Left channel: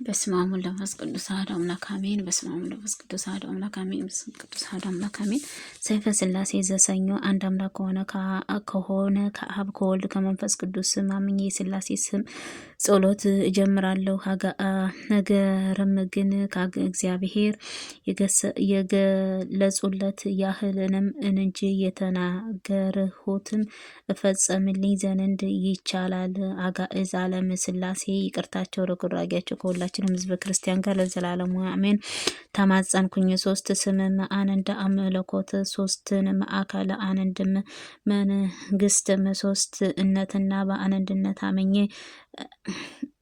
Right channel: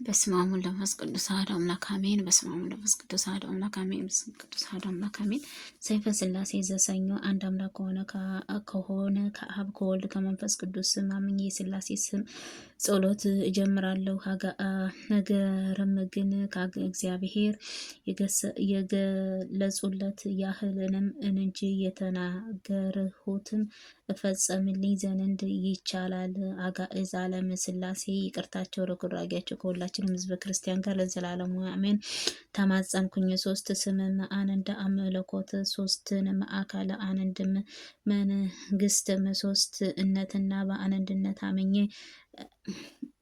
በስመ አብ ወወልድ ወመንፈስ ቅዱስ አሐዱ አምላክ አሜን። በስመ አብ ወወልድ ወመንፈስ ቅዱስ አሐዱ አምላክ አሜን። በስመ ቅዱስ አሐዱ አምላክ አሜን። ሰይፈ ሥላሴ ዘሰኞ አንድ አምላክ ከሆነ ከአብ ከወልድ ከመንፈስ ቅዱስ ስም አምኜ የሥላሴ ስም ጸሎት እጀምራለሁ። ነገርም ግን እግዚአብሔር የገለጹለት ያህልንም እንጂ የተናገርሁትን እፈጸምልኝ ዘንድ ይቻላል። አጋዕዝ ዓለም ሥላሴ ይቅርታቸው ርኅራኄያቸው ከሁላችንም ሕዝበ ክርስቲያን ጋር ለዘላለሙ አሜን። ተማጸንኩኝ። ሶስት ስምም አንድ አምላኮት ሶስትንም አካል አንድም መንግስትም ሶስት እነትና በአንድነት አመኘ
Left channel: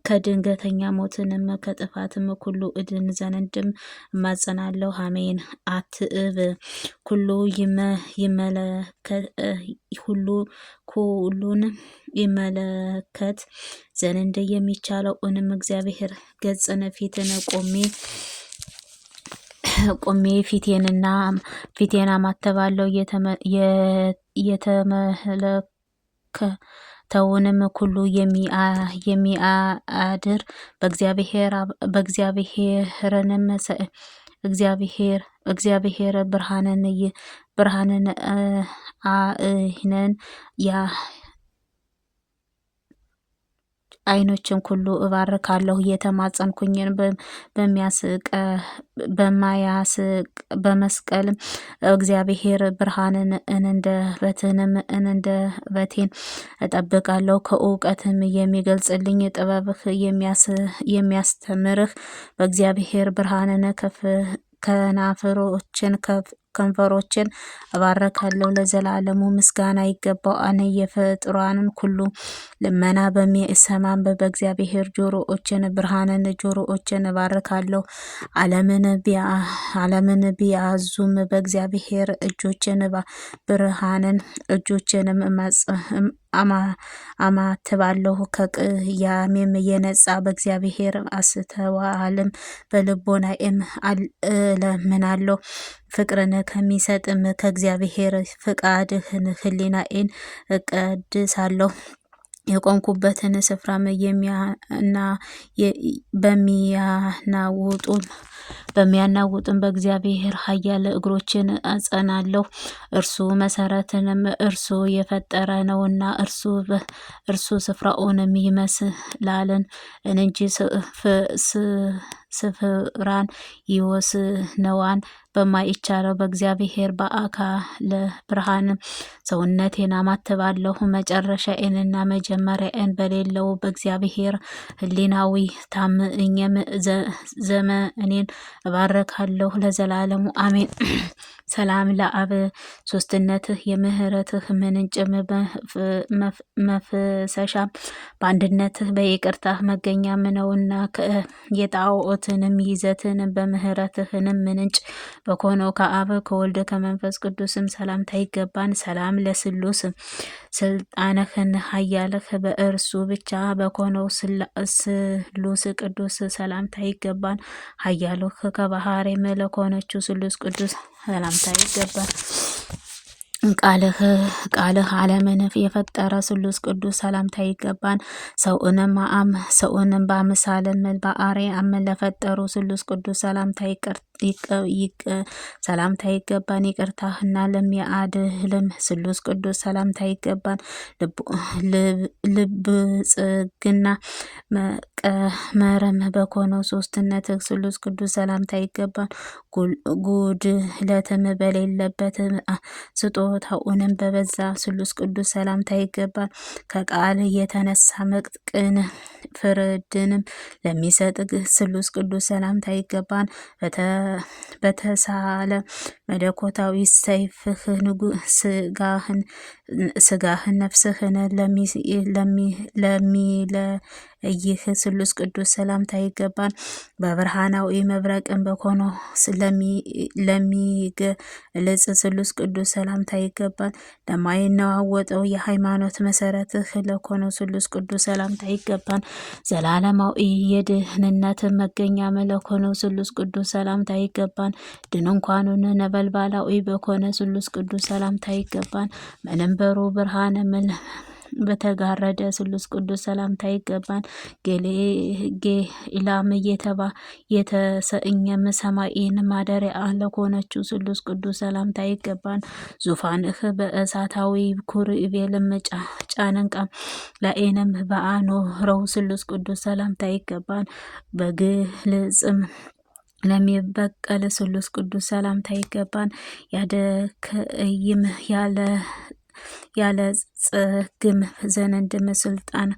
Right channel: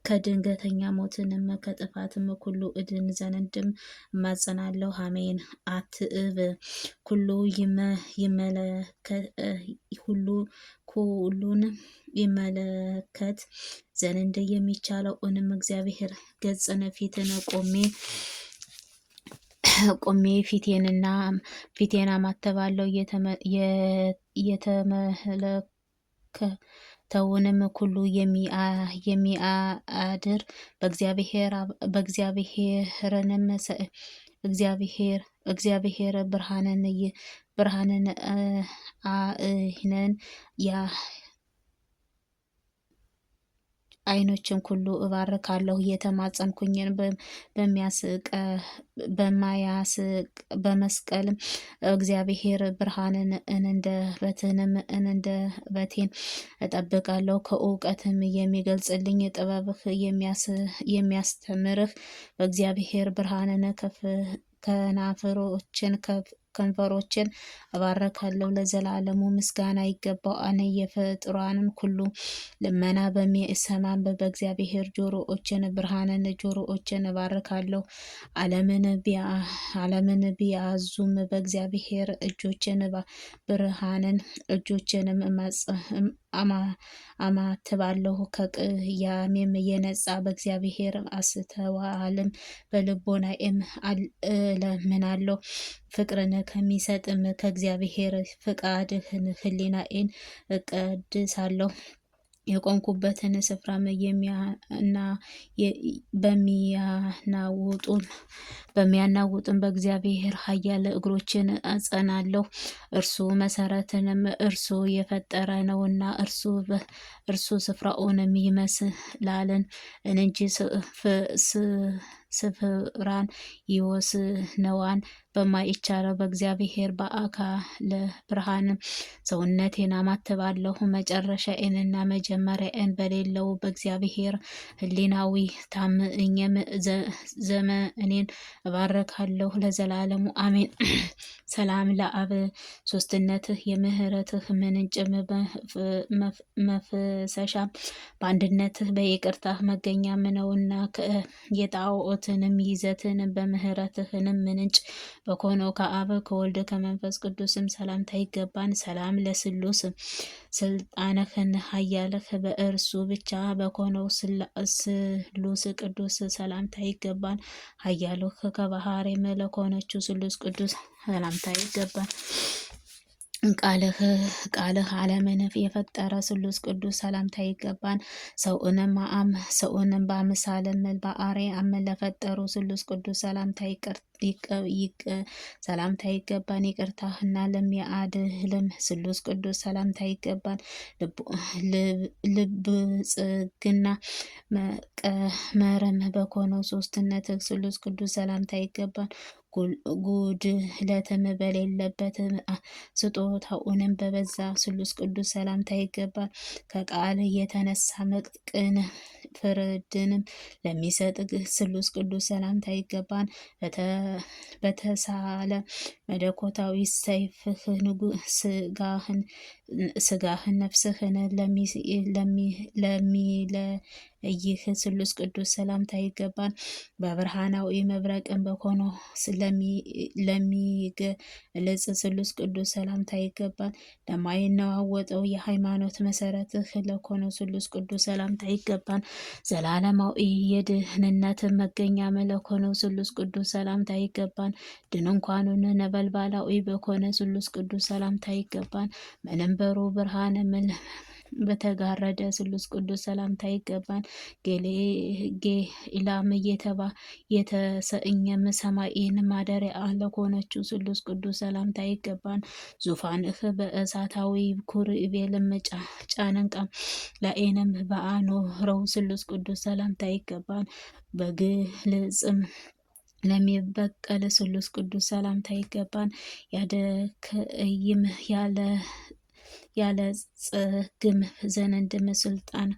ከድንገተኛ ሞትንም ከጥፋትም ኩሉ እድን ዘንድም እማጸናለሁ። አሜን። አትእብ ሁሉን ይመለከት ዘንድ የሚቻለው እግዚአብሔር ገጽን ፊትን ቆሜ ፊቴን አማተባለሁ። የተመለከተውንም ሁሉ የሚያድር እግዚአብሔር ብርሃንን አይነን አይኖችን ሁሉ እባርካለሁ። እየተማጸንኩኝን በመስቀል እግዚአብሔር ብርሃንን እንደ በቴን እጠብቃለሁ። ከእውቀትም የሚገልጽልኝ ጥበብህ የሚያስተምርህ በእግዚአብሔር ብርሃንን ከንፈሮችን እባረካለሁ። ለዘላለሙ ምስጋና ይገባው። አነ የፍጥሯንን ሁሉ ልመና በሚሰማም በእግዚአብሔር ብርሃንን ጆሮዎችን እባርካለሁ። ዓለምን ቢያዙም በእግዚአብሔር እጆችንም አማትባለሁ። ከቅያሜም የነጻ በእግዚአብሔር አስተዋልም በልቦናዬም እለምናለሁ። ፍቅርን ከሚሰጥም ከእግዚአብሔር ፍቃድህን ሕሊናዬን እቀድሳለሁ። የቆምኩበትን ስፍራም በሚያናውጡም በእግዚአብሔር ኃያል እግሮችን አጸናለሁ። እርሱ መሰረትንም እርሱ የፈጠረ ነውና እርሱ ስፍራውንም ይመስላልን እንጂ ስፍራን ይወስነዋል በማይቻለው በእግዚአብሔር በአካለ ብርሃን ሰውነቴን አማትባለሁ። መጨረሻዬንና መጀመሪያዬን በሌለው በእግዚአብሔር ሕሊናዊ ታምኜም ዘመኔን እባርካለሁ ለዘላለሙ አሜን። ሰላም ለአብ ሶስትነትህ የምህረትህ ምንጭም መፍሰሻ በአንድነትህ በይቅርታህ መገኛም ነውና የጣዖትንም ይዘትን በምህረትህንም ምንጭ በኮነው ከአብ ከወልድ ከመንፈስ ቅዱስም ሰላምታ ይገባን። ሰላም ለስሉስ ስልጣንህን ኃያልህ በእርሱ ብቻ በኮነው ስሉስ ቅዱስ ሰላምታ ይገባን። ኃያልህ ከባህሪ መለኮነችው ስሉስ ቅዱስ ሰላምታ ይገባል። ቃልህ ዓለምን የፈጠረ ስሉስ ቅዱስ ሰላምታ ይገባን። ሰውንም በአምሳልም በአርአያም ለፈጠሩ ስሉስ ቅዱስ ሰላምታ ይገባን። ይቅርታህና ለሚያድህልም ስሉስ ቅዱስ ሰላምታ ይገባን። ልብጽግና መቀመርም በኮነው ሶስትነትህ ስሉስ ቅዱስ ሰላምታ ይገባን። ጉድለትም በሌለበት ስጦታውንም በበዛ ስሉስ ቅዱስ ሰላምታ ይገባል። ከቃል የተነሳ ቅን ፍርድንም ለሚሰጥ ስሉስ ቅዱስ ሰላምታ ይገባን። በተሳለ መለኮታዊ ሰይፍህ ስጋህን ነፍስህን ለሚለይህ ስሉስ ቅዱስ ሰላምታ ይገባን። በብርሃናዊ መብረቅን በኮነው ለሚገለጽ ስሉስ ቅዱስ ሰላምታ ይገባል። ለማይነዋወጠው የሃይማኖት መሰረትህ ለኮነው ስሉስ ቅዱስ ሰላምታ ይገባን። ዘላለማዊ የድህንነት መገኛ ለኮነው ስሉስ ቅዱስ ሰላምታ ይገባን። ድንኳኑን ነበልባላዊ በኮነ ስሉስ ቅዱስ ሰላምታ ይገባን። መንበሩ ብርሃን በተጋረደ ስሉስ ቅዱስ ሰላምታ ይገባል። ጌኢላም የተሰኘም ሰማይን ማደሪያ ለሆነችው ስሉስ ቅዱስ ሰላምታ ይገባል። ዙፋንህ በእሳታዊ ኩርቤልም ጫንቃ ላኤንም በአኖረው ስሉስ ቅዱስ ሰላምታ ይገባል። በግልጽም ለሚበቀል ስሉስ ቅዱስ ሰላምታ ይገባል። ያደከይም ያለ ጽግም ዘንድም ስልጣን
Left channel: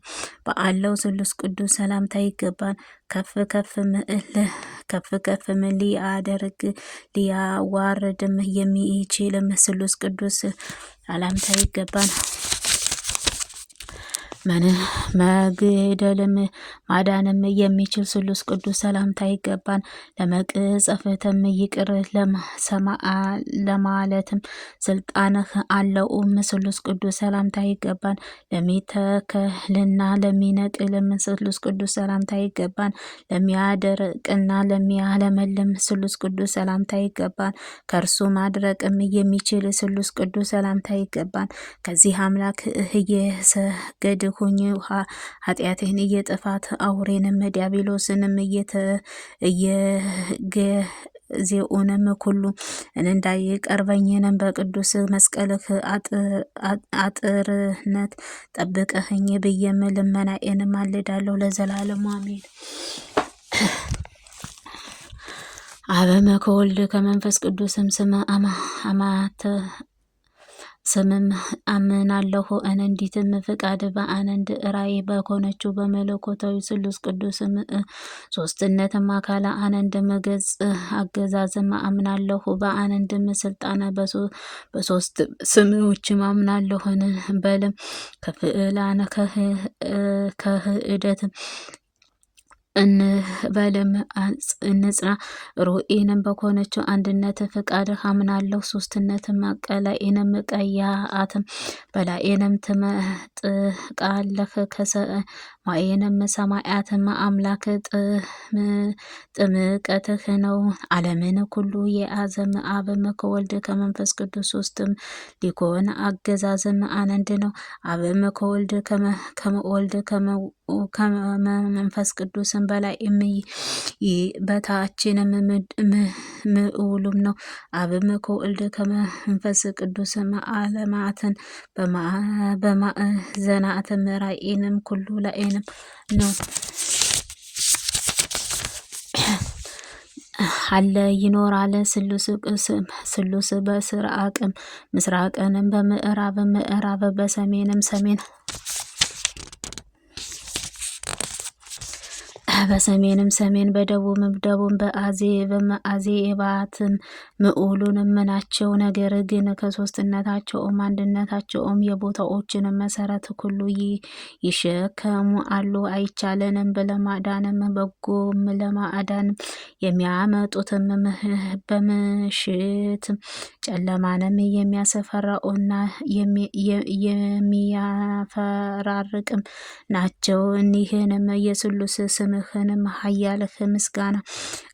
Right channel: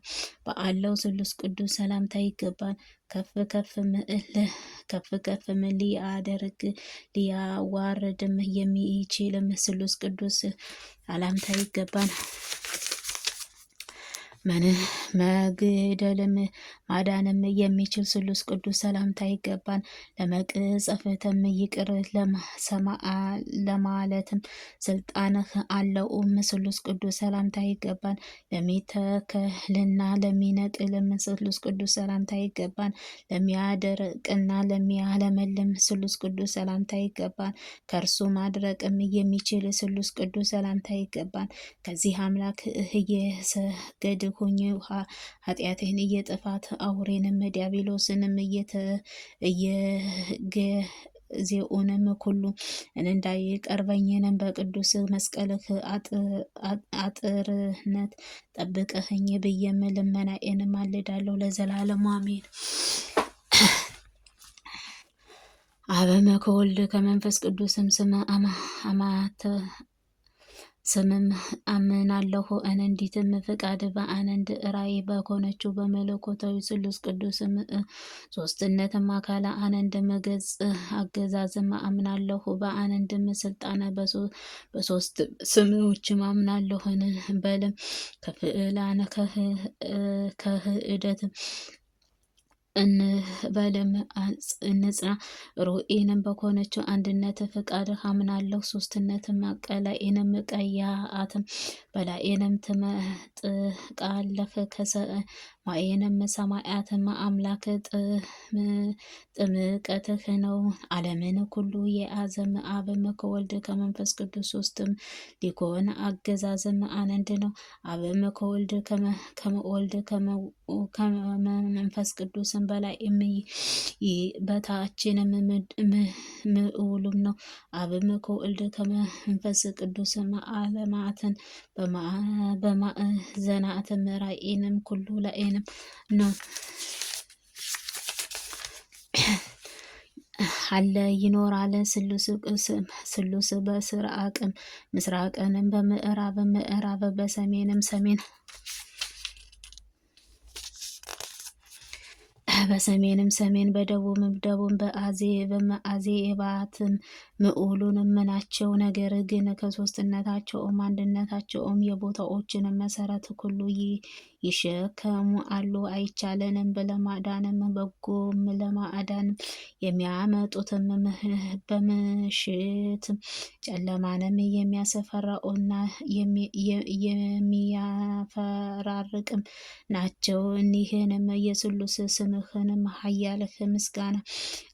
በአለው ስሉስ ቅዱስ ሰላምታ ይገባል። ከፍ ከፍም ሊያደርግ ሊያዋርድም የሚችልም ስሉስ ቅዱስ ሰላምታ ይገባል። መግደልም ማዳንም የሚችል ስሉስ ቅዱስ ሰላምታ ይገባል። ለመቅጸፍትም ይቅር ለማለትም ስልጣንህ አለውም ስሉስ ቅዱስ ሰላምታ ይገባል። ለሚተከልና ለሚነቅልም ስሉስ ቅዱስ ሰላምታ ይገባል። ለሚያደርቅና ለሚያለመልም ስሉስ ቅዱስ ሰላምታ ይገባል። ከእርሱ ማድረቅም የሚችል ስሉስ ቅዱስ ሰላምታ ይገባል። ከዚህ አምላክ እየሰገድ ሆኜ ኃጢአቴን እየጥፋት አውሬንም ዲያብሎስንም ዜኡንም ኩሉ እንዳይቀርበኝንም በቅዱስ መስቀልህ አጥርነት ጠብቀህኝ ብዬም ልመናዬንም አልዳለሁ ለዘላለሙ አሜን። አበመ ከወልድ ከመንፈስ ቅዱስም ስምም አምናለሁ። እንዲትም ፍቃድ በአንድ ራእይ በኮነችው በመለኮታዊ ስሉስ ቅዱስም ሶስትነትም አካለ አንድም ገጽ አገዛዝም አምናለሁ። በአንድም ስልጣነ በሶስት ስምዎችም አምናለሁን በልም ከፍዕላነ ከህደትም እንበልም እንጽና ሩኢንም በኮነችው አንድነት ፍቃድ አምናለሁ። ሶስትነትም ቀላኤንም ቀያአትም በላኤንም ትመጥቃለህ ከሰማኤንም ሰማያትም አምላክ ጥምቀትህ ነው። ዓለምን ኩሉ የአዘም አብም ከወልድ ከመንፈስ ቅዱስ ሶስትም ሊኮን አገዛዝም አንድ ነው። አብም ከወልድ ከመወልድ ከመንፈስ ቅዱስም በላይ በታችንም ምዑሉም ነው። አብም ከወልድ ከመንፈስ ቅዱስም ዓለማትን በማዕዘናትም ራእይንም ኩሉ ላኤንም ነው አለ ይኖራል። ስሉስ በስራቅም ምስራቅንም ምዕራብ በሰሜንም ሰሜን በሰሜንም ሰሜን በደቡብም ደቡብ በአዜባትም ምዑሉንም ናቸው። ነገር ግን ከሶስትነታቸውም አንድነታቸውም የቦታዎችን መሰረት ሁሉ ይሸከሙ አሉ። አይቻለንም ለማዳንም በጎም ለማዳንም የሚያመጡትም በምሽትም ጨለማንም የሚያስፈራውና የሚያፈራርቅም ናቸው። እኒህንም የስሉስ ስምህንም ኃያልህ ምስጋና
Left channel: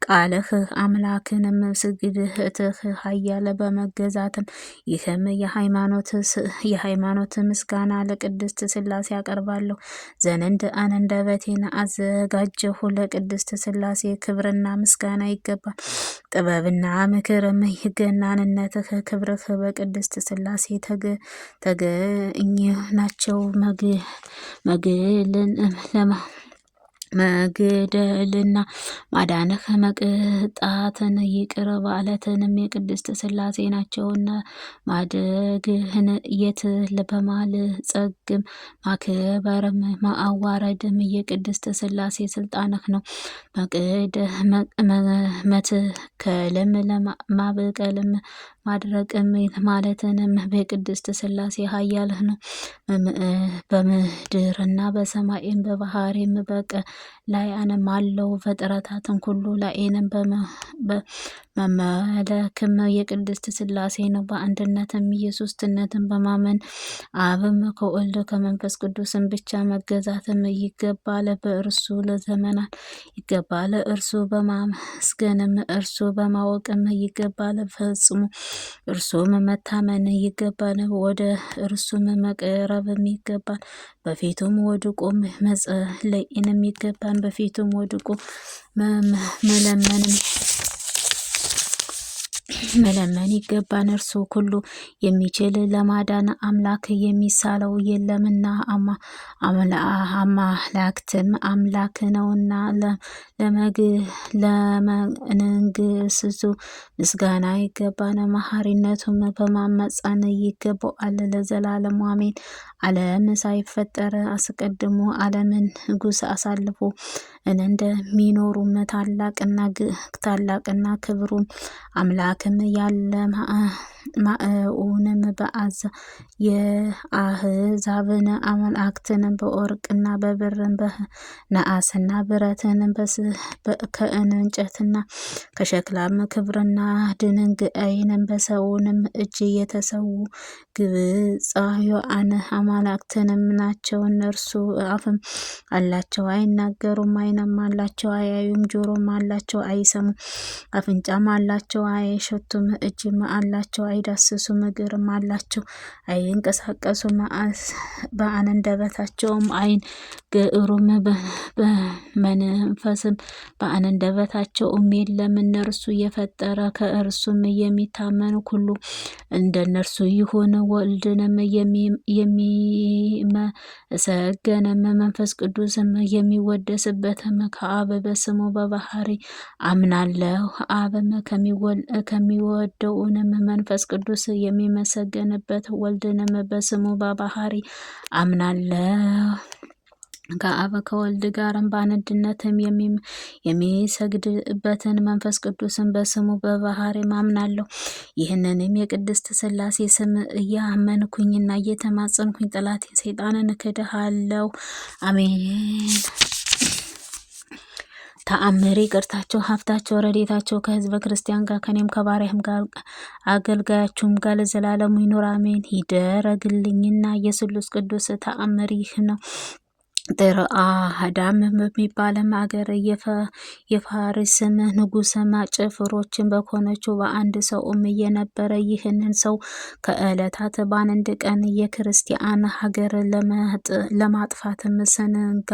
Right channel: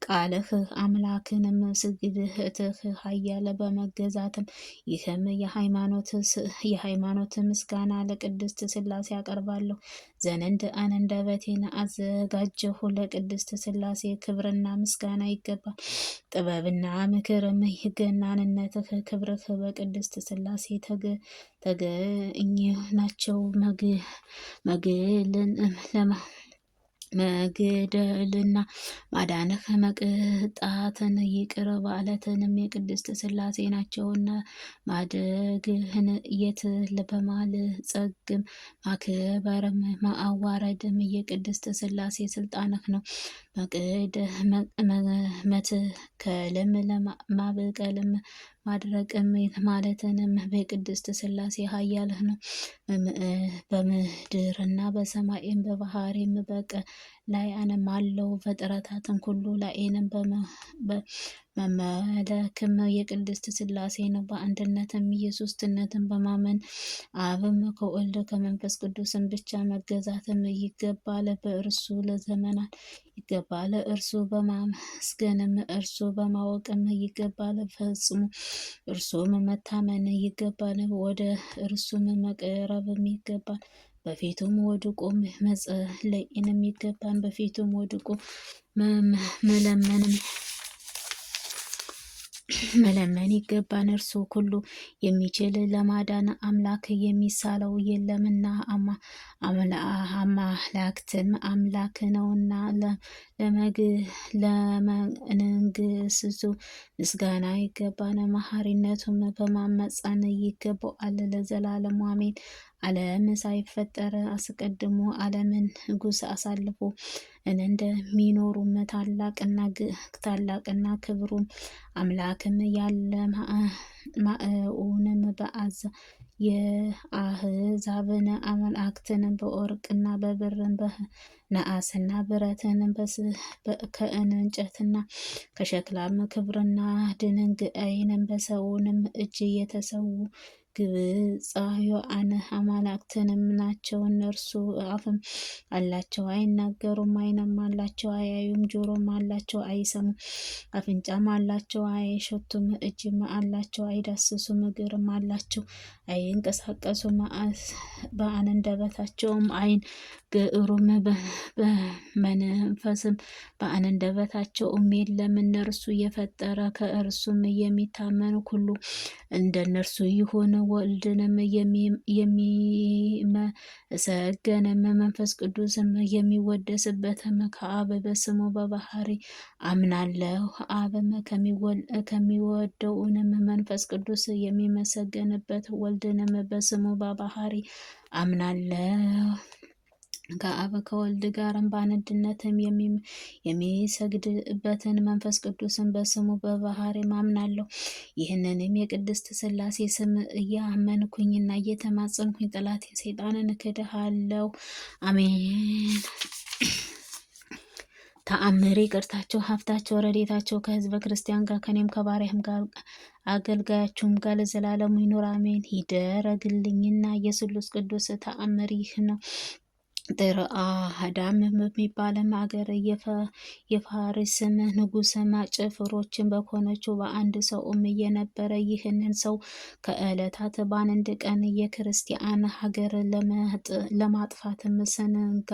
ቃልህ አምላክንም ስግደትህ ኃያል በመገዛትም ይህም የሃይማኖት ምስጋና ለቅድስት ስላሴ ያቀርባለሁ ዘንድ አንደበቴን አዘጋጀሁ። ለቅድስት ስላሴ ክብርና ምስጋና ይገባል። ጥበብና ምክርም ገናንነትህ ክብርህ በቅድስት ስላሴ ተገኝ ናቸው። መግደልና ማዳንህ መቅጣትን ይቅር ባለትንም የቅድስት ስላሴ ናቸውና ማደግህን የት በማልጸግም ማክበርም ማዋረድም የቅድስት ስላሴ ስልጣንህ ነው። መትከልም ማብቀልም ማድረቅም ማለትንም በቅድስት ስላሴ ኃያልህ ነው። በምድርና በሰማይም በባህሪም ላይ አንም አለው ፍጥረታትን ሁሉ ላይንም በመመለክም የቅድስት ስላሴ ነው። በአንድነትም የሶስትነትን በማመን አብም ከወልድ ከመንፈስ ቅዱስም ብቻ መገዛትም ይገባል። በእርሱ ለዘመናት ይገባል። እርሱ በማመስገንም እርሱ በማወቅም ይገባል። ፈጽሞ እርሱም መታመን ይገባን፣ ወደ እርሱም መቅረብም ይገባን። በፊቱም ወድቆ መጸለይንም ይገባን፣ በፊቱም ወድቆ መለመን ይገባን። እርሱ ሁሉ የሚችል ለማዳን አምላክ የሚሳለው የለምና አማላክትም አምላክ ነውና ለመንግስቱ ምስጋና ይገባን። መሐሪነቱም በማመፀን ይገባዋል ለዘላለሙ አሜን። ዓለም ሳይፈጠር አስቀድሞ ዓለምን ንጉስ አሳልፎ እንደሚኖሩም ታላቅና ክብሩም አምላክም ያለ ማእውንም በአዛ የአህዛብን አምላክትን በወርቅና በብርን በነአስና ብረትን ከእንጨትና ከሸክላም ክብርና ድንጋይንም በሰውንም እጅ የተሰዉ ግብፃውያን አማልክትንም ናቸው። እነርሱ አፍም አላቸው አይናገሩም፣ ዓይንም አላቸው አያዩም፣ ጆሮም አላቸው አይሰሙም፣ አፍንጫም አላቸው አይሸቱም፣ እጅም አላቸው አይዳስሱም፣ እግርም አላቸው አይንቀሳቀሱም፣ በአንደበታቸውም አይናገሩም፣ በመንፈስም በአንደበታቸውም የለም። እነርሱ የፈጠረ ከእርሱም የሚታመኑ ሁሉ እንደነርሱ ይሁን። ወልድንም የሚመሰገንም መንፈስ ቅዱስም የሚወደስበትም ከአብ በስሙ በባህሪ አምናለሁ። አብም ከሚወደውንም መንፈስ ቅዱስ የሚመሰገንበት ወልድንም በስሙ በባህሪ አምናለሁ። ከአብ ከወልድ ጋርም በአንድነትም የሚሰግድበትን መንፈስ ቅዱስን በስሙ በባህሪ አምናለሁ። ይህንንም የቅድስት ሥላሴ ስም እያመንኩኝና እየተማጸንኩኝ ጠላቴን ሰይጣንን እክድሃለሁ። አሜን። ተአምር ይቅርታቸው፣ ሀብታቸው፣ ረድኤታቸው ከህዝበ ክርስቲያን ጋር ከኔም ከባሪያህም ጋር አገልጋያችሁም ጋር ለዘላለሙ ይኑር አሜን። ይደረግልኝና የስሉስ ቅዱስ ተአምር ይህ ነው። ጥርአዳም በሚባልም አገር የፋሪስም ንጉስም ጭፍሮችን በኮነችው በአንድ ሰውም የነበረ ይህንን ሰው ከዕለታት በአንድ ቀን የክርስቲያን ሀገር ለማጥፋትም ሰንጋ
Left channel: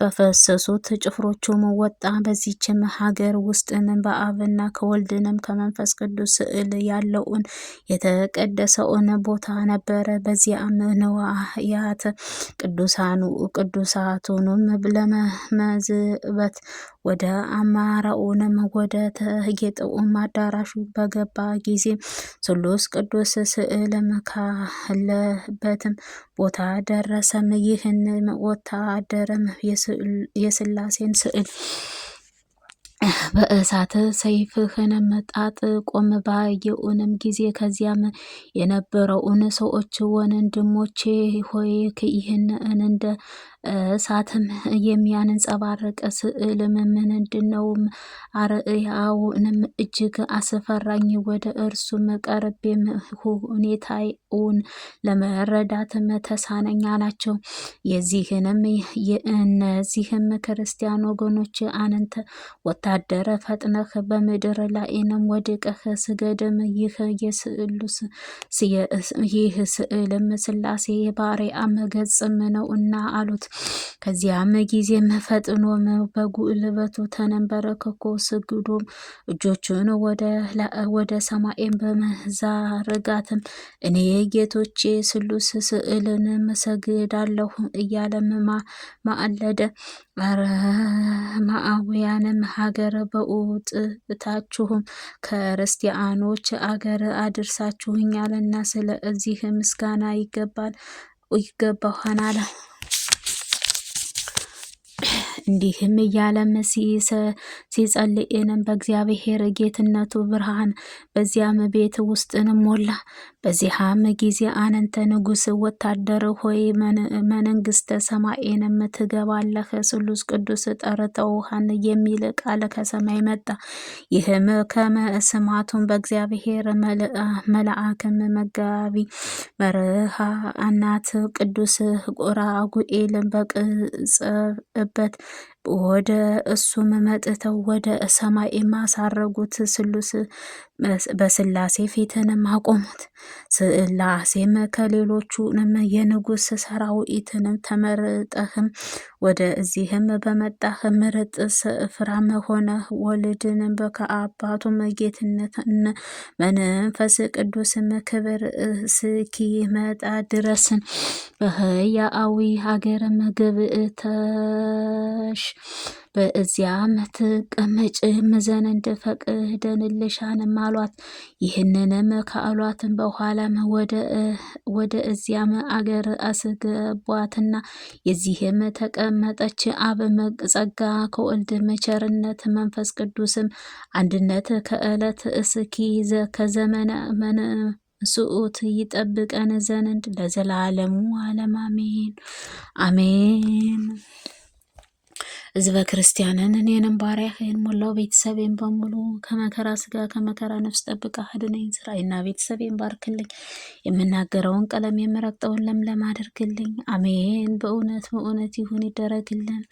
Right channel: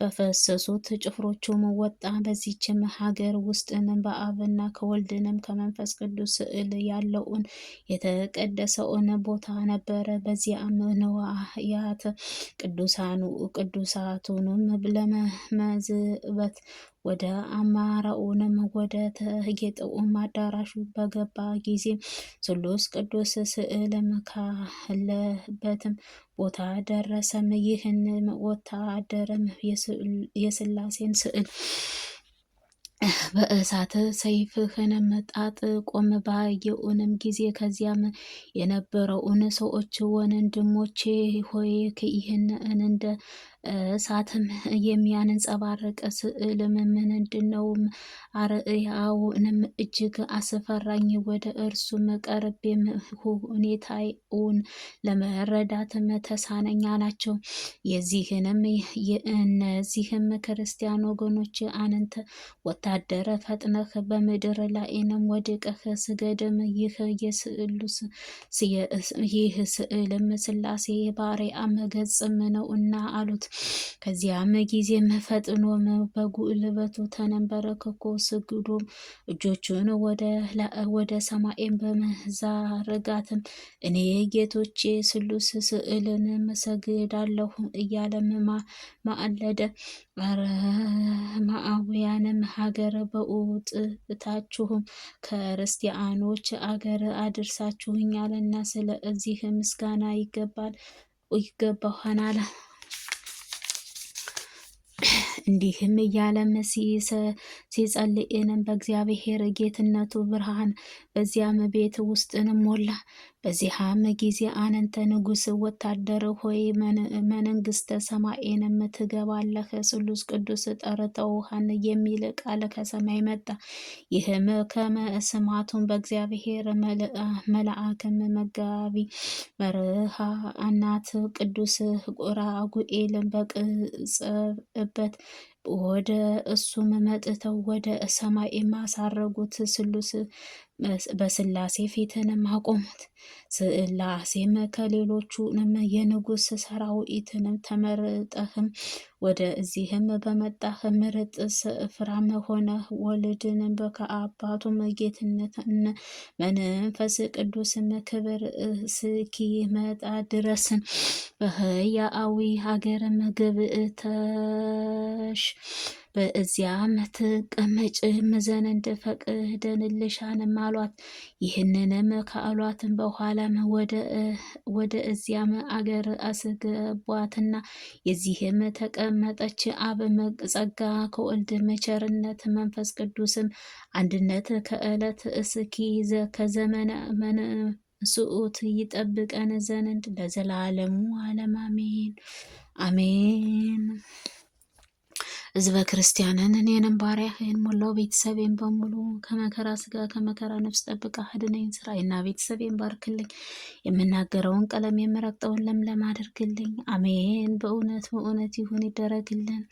በፈሰሱት ጭፍሮቹም ወጣ። በዚችም ሀገር ውስጥንም በአብና ከወልድንም ከመንፈስ ቅዱስ ስዕል ያለውን የተቀደሰውን ቦታ ነበረ። በዚያም ነዋያተ ቅዱሳቱንም ለመመዝበት ወደ አማራውንም ወደ ተጌጠውም አዳራሹ በገባ ጊዜ ስሉስ ቅዱስ ስዕልም ካለበትም ቦታ ደረሰም። ይህን ወታደርም የስላሴን ስዕል በእሳት ሰይፍህንም ጣጥቆም ባየውንም ጊዜ ከዚያም የነበረውን ሰዎች ወንድሞቼ ሆይ ይህን እንደ እሳትም የሚያንጸባርቅ ስዕልም ምንድነውም? አርአያውንም እጅግ አስፈራኝ። ወደ እርሱም ቀርቤም ሁኔታውን ለመረዳትም ተሳነኝ አላቸው። የእነዚህም ክርስቲያን ወገኖች አንተ ወታደር ፈጥነህ በምድር ላይንም ወድቀህ ስገድም፣ ይህ ስዕልም ሥላሴ ባሪያም ገጽም ነውና አሉት። ከዚያም ጊዜም ፈጥኖም በጉልበቱ ተንበርክኮ ስግዶም እጆቹን ወደ ሰማይም በመዘርጋትም እኔ ጌቶቼ ስሉስ ስዕልን ሰግዳለሁ እያለም ማለደ። አረማውያንም ሀገር በውጥታችሁም ክርስቲያኖች አገር አድርሳችሁኛልና ስለዚህ ምስጋና ይገባሃል። እንዲህም እያለም ሲጸልይንም በእግዚአብሔር ጌትነቱ ብርሃን በዚያም ቤት ውስጥንም ሞላ። በዚያም ጊዜ አንተ ንጉሥ ወታደር ሆይ መንግስተ ሰማይንም ትገባለህ፣ ስሉስ ቅዱስ ጠርተውሃን የሚል ቃል ከሰማይ መጣ። ይህም ከመስማቱም በእግዚአብሔር መልአክም መጋቢ መርሃናት ቅዱስ ራጉኤልን በቅጽበት ወደ እሱም መጥተው ወደ ሰማይ ማሳረጉት። ስሉስ በስላሴ ፊትንም አቆሙት። ስላሴም ከሌሎቹንም የንጉሥ ሰራዊትንም ተመርጠህም ወደ እዚህም በመጣህ ምርጥ ስፍራም ሆነህ ወልድንም ከአባቱም ጌትነት መንፈስ ቅዱስም ክብር እስኪመጣ ድረስን በሕያዊ ሀገርም ገብተሽ በዚያም ትቀመጭም ዘንድ ፈቅደንልሻንም አሏት። ይህንንም ከአሏትም በኋላም ወደ እዚያም አገር አስገቧትና የዚህም ተቀመጠች። አብ ጸጋ ከወልድ ቸርነት መንፈስ ቅዱስም አንድነት ከዕለት እስኪ ከዘመነ ስዑት ይጠብቀን ዘንድ ለዘላለሙ ዓለም አሜን አሜን። ሕዝበ ክርስቲያንን እኔንም ባሪያህን ሞላው ቤተሰቤን በሙሉ ከመከራ ስጋ ከመከራ ነፍስ ጠብቃ አድነኝ። ስራዬና ቤተሰቤን ባርክልኝ። የምናገረውን ቀለም የምረግጠውን ለምለም አድርግልኝ። አሜን። በእውነት በእውነት ይሁን ይደረግልን።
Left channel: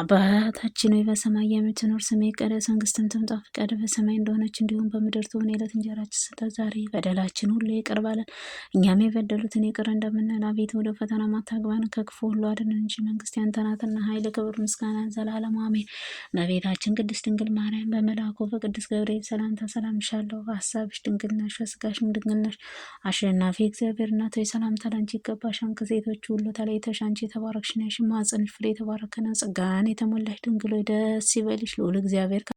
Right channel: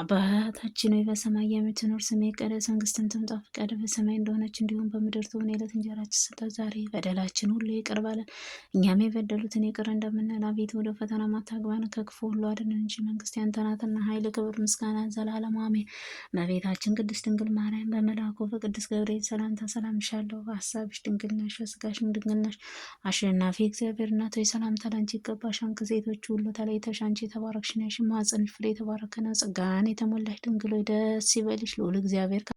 አባታችን ሆይ በሰማይ የምትኖር ስምህ ይቀደስ፣ መንግስትህ ትምጣ፣ ፈቃድህ በሰማይ እንደሆነች እንዲሁም በምድር ትሁን። የዕለት እንጀራችንን ስጠን ዛሬ፣ በደላችን ሁሉ ይቅር በለን እኛም የበደሉትን ይቅር እንደምንል፣ አቤቱ ወደ ፈተና አታግባን ከክፉ ሁሉ አድነን እንጂ መንግስት ያንተ ናትና፣ ኃይል፣ ክብር፣ ምስጋና ዘላለሙ አሜን። እመቤታችን ቅድስት ድንግል ማርያም በመልአኩ በቅዱስ ገብርኤል ሰላምታ ሰላም እልሻለሁ። በሀሳብሽ ድንግል ነሽ፣ በስጋሽም ድንግል ነሽ። አሸናፊ እግዚአብሔር እናት ሆይ ሰላምታ ላንቺ ይገባሻል። ከሴቶች ሁሉ ተለይተሽ አንቺ የተባረክሽ ነሽ፣ የማኅፀንሽ ፍሬ የተባረከ ነው። ጸጋን የተሞላሽ ድንግል ሆይ ደስ ይበልሽ፣ ልዑል እግዚአብሔር